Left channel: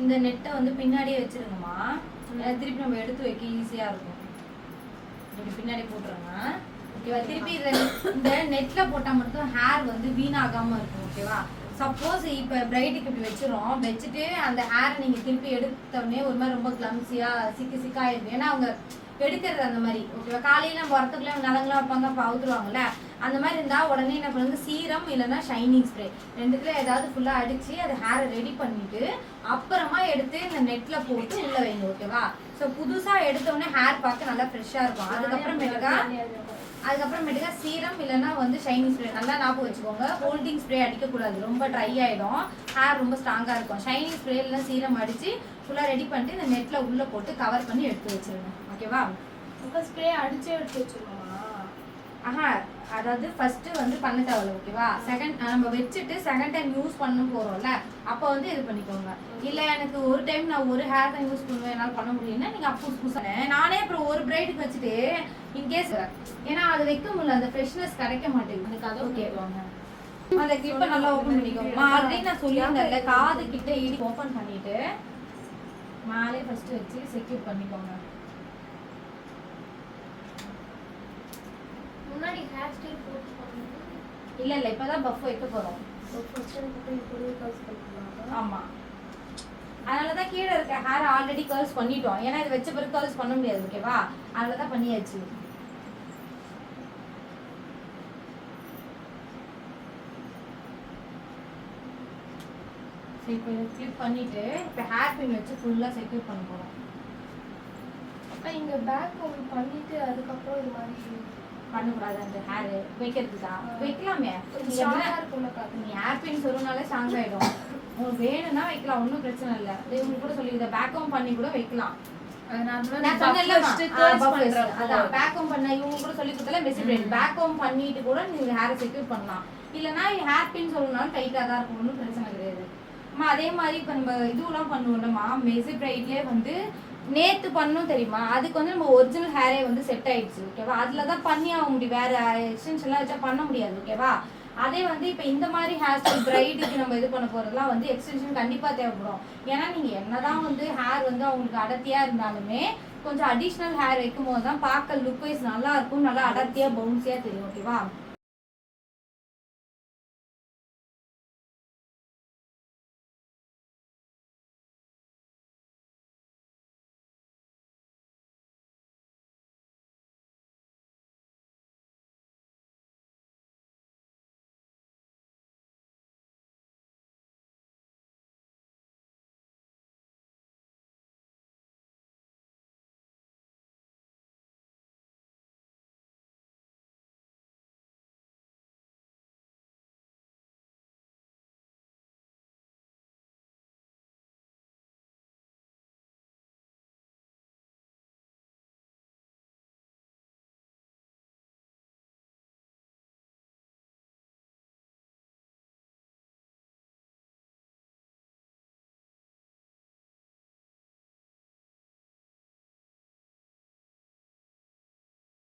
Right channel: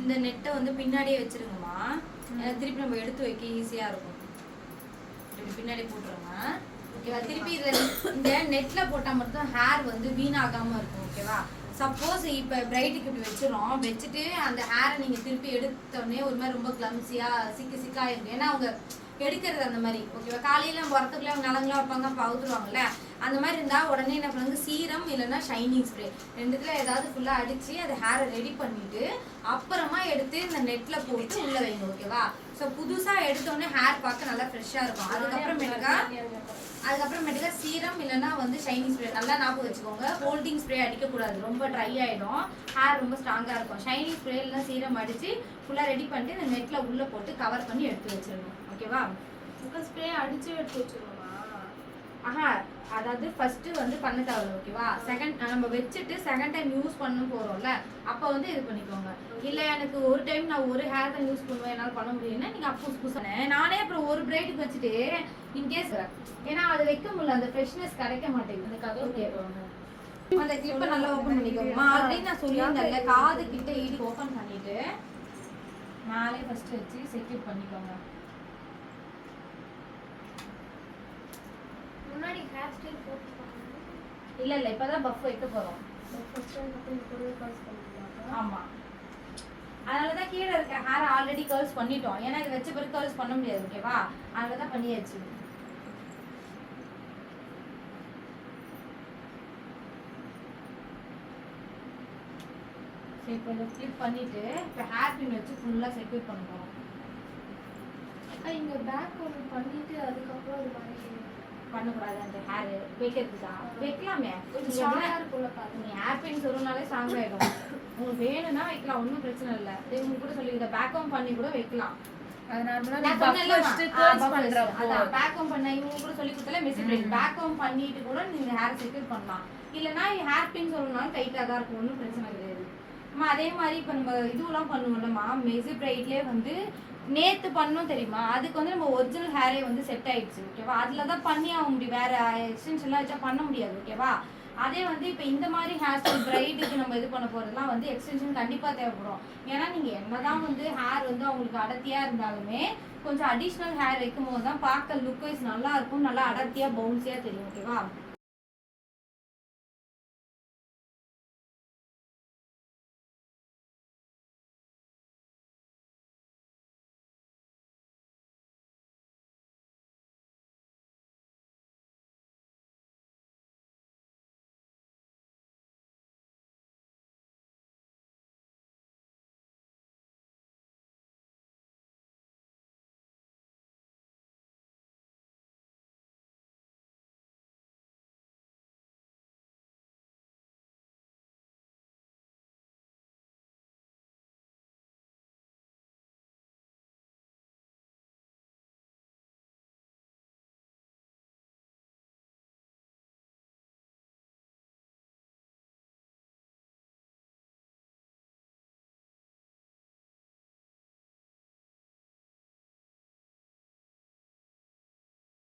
இந்த நெட்டை வந்து பின்னாடியே வச்சிருங்கம்மா. திருப்பி நம்ம எடுத்து வைக்க ஈஸியா இருக்கும். பின்னாடி போட்டுருங்க. ஓகேவா? திருப்பி இந்த நெட்ல போட்டா மட்டும் ஹேர் வந்து வீணாகாம இருக்கும். ஓகேவா? சப்போஸ் இப்போ பிரைட்டுக்கு இப்படி வச்சிரும், வச்சுட்டு அந்த ஹேரை நீங்கள் திருப்பி எடுத்த உடனே ஒரு மாதிரி ரொம்ப கிளம்ஸியாக சிக்காயிருக்கும். ஏன்னா அவங்க எடுக்கிறது அந்த மாதிரி. ஓகேவா? காலையில வரத்துக்குள்ள நலங்களாக வைப்பாங்க, பவுத்துருவாங்கல்ல. அந்த மாதிரி இருந்தால் உடனே என்ன பண்ணுங்க, சீரம் இல்லைன்னா ஷைனிங் ஸ்ப்ரே ரெண்டுத்துல ஏதாவது ஃபுல்லாக அடித்து அதை ஹேரை ரெடி பண்ணிட்டு அப்புறமா எடுத்து இந்த நெட்டில் போட்டு உள்ளே வைங்க. ஓகேவா? ஸோ புதுசாக எடுத்தோடனே ஹேர் பார்க்க நல்லா ஃப்ரெஷ்ஷாக இருக்கும். அதுக்கப்புறமேட்டுக்கா சீரம் இல்லைன்னா வந்து ஷைனிங் ஸ்ப்ரே நல்லா ஞாபகம் வச்சுக்கோங்க. ஹோல்டிங் ஸ்ப்ரே அடிக்கக்கூடாது, ரொம்ப ட்ரை ஆகிடும், ஹேர் ரொம்ப ஸ்ட்ராங்காக இருக்கும். ஷைனிங் ஸ்ப்ரே இல்லைனா சீரம் அடித்து ஃபுல்லாக ரெடி பண்ணிட்டு இந்த நெட்டில் உள்ளே போட்டு கவர் பண்ணி எடுத்து வச்சிருங்க. ஓகேவா? ஸ்ப்ரே அடிச்சே எடுத்து வச்சிருக்கோமா? அதாவது ஃபர்ஸ்ட் வந்து பண்ண தேவையில்ல. ஓகேவா? செகண்ட் நம்ம வச்சுட்டு செகண்ட் டைம் யூஸ் பண்ண போறோம்ல, அப்போ வந்து இது பண்ணிக்கோங்க. இல்ல எனக்கு ஒரு டைம் நான் ஒரு ஹேர் தான் யூஸ் பண்ணுவேன், என்னால் பண்ண முடியும்னா நீங்க அப்போ புதுசான நானே அப்புறம் ஒரு பிரைடுக்கு வச்சுட்டு இன்கேஸ் ஏன்னா அது வைக்க முடியல, அந்த ஃப்ரெஷ்னஸ் கிடைக்க மாட்டேங்குது. அதுக்காக கேட்பாங்க. அந்த கிளிப்பை நல்லா ஓப்பன் பண்ணிக்கோங்க. ஆல்ரெடி நான் சொல்லியிருந்தேன்ல, காது கிட்ட இடி ஓப்பன் பண்ணிட்டு மேலே ஃபர்ஸ்ட் வச்சு செக்யூர் பண்ணிக்கோங்க. முன்னாடி ஹேர் ஸ்டைல் போட்டு இல்ல இப்பதான் பஃப் வைக்க போறோம். ஆமா, அதனாலதான் கீழே இருக்க ஹேர் ஆல்ரெடி கர்ல்ஸ் பண்ணிட்டோம். ஏன்னா இது வச்ச பிறகு கர்ல்ஸ் பண்ண முடியாது. ஓகேவா? அதனாலதான் பண்ணியாச்சு. சரி, இப்போ கிளிப் பண்ணிட்டு இப்போ ஹேர் பின் வச்சு ஃபுல்லா செக்யூர் பண்ண போறோம். இங்க பேக் ஓபன் பண்ணிட்டு அதுக்கப்புறம் இது மாதிரி பண்ணக்கூடாது. அந்த ஹேர் வைக்கிறதுக்கா வைக்கலாமே. நீ ஹேர் பின் சொல்றதுனாலே ஸ்ட்ராங் ஆயிடும். உங்களுக்கு வேணும்னா வைக்கலாம், ஒன்றும் பிரச்சனை இல்லை. இவங்க கூட சொல்லி பேக்அவுட் பண்ணி கூட வைக்கலாம். பேக்அவுட் பண்ண இவங்க கூட சொல்லி கொடுத்தாலே மெசிபிரைட் பேக்அவுட் பண்ணிட்டு கூட நீங்க ஹேரை செக்யூர் பண்ணலாம். இல்லைன்னா ஹேர் பின் சொல்லணும்னாலும் டைட்டா தான் இருக்கும், ஒன்றும் பிரச்சனை கிடையாது. அதே மாதிரி இப்போ நம்ம இதுவெல்லாம் பண்ணுவோம்லம்மா, மெசிபிரைட்லேயே வந்து நேற்று பண்ணும் தெரியுமா, அதுக்கு வந்து நம்ம ஒரிஜினல் ஹேரே வந்து செட் ஆயிடுச்சு. ஓகேவா? அதில் தான் பண்ணி ஆக முடியும், வேற எக்ஸ்டென்ஷன்லாம் வச்சா பண்ண முடியாது. ஓகேவா? அதே வந்து இப்போ இந்த மாதிரி ஹேர் ஸ்டைல் பிரைடுக்கு நம்ம இது பண்ண போகிறதுலாம் வந்து எக்ஸ்டென்ஷன் கண்டிப்பாக தேவைப்படும். ஏன்னா நீங்கள் என்னதான் வந்து ஹேர் வந்து அவங்களுக்கு அடர்த்தியாக இருந்தாலுமே கொஞ்சம் அடிஷ்னல் ஹேர் வைக்கும் போது தான் பார்க்க லுக் வைஸ் நல்லா இருக்கும், நல்லா அடர்த்தியாக பவுன்ஸியாக தெரியும். ஓகேவா?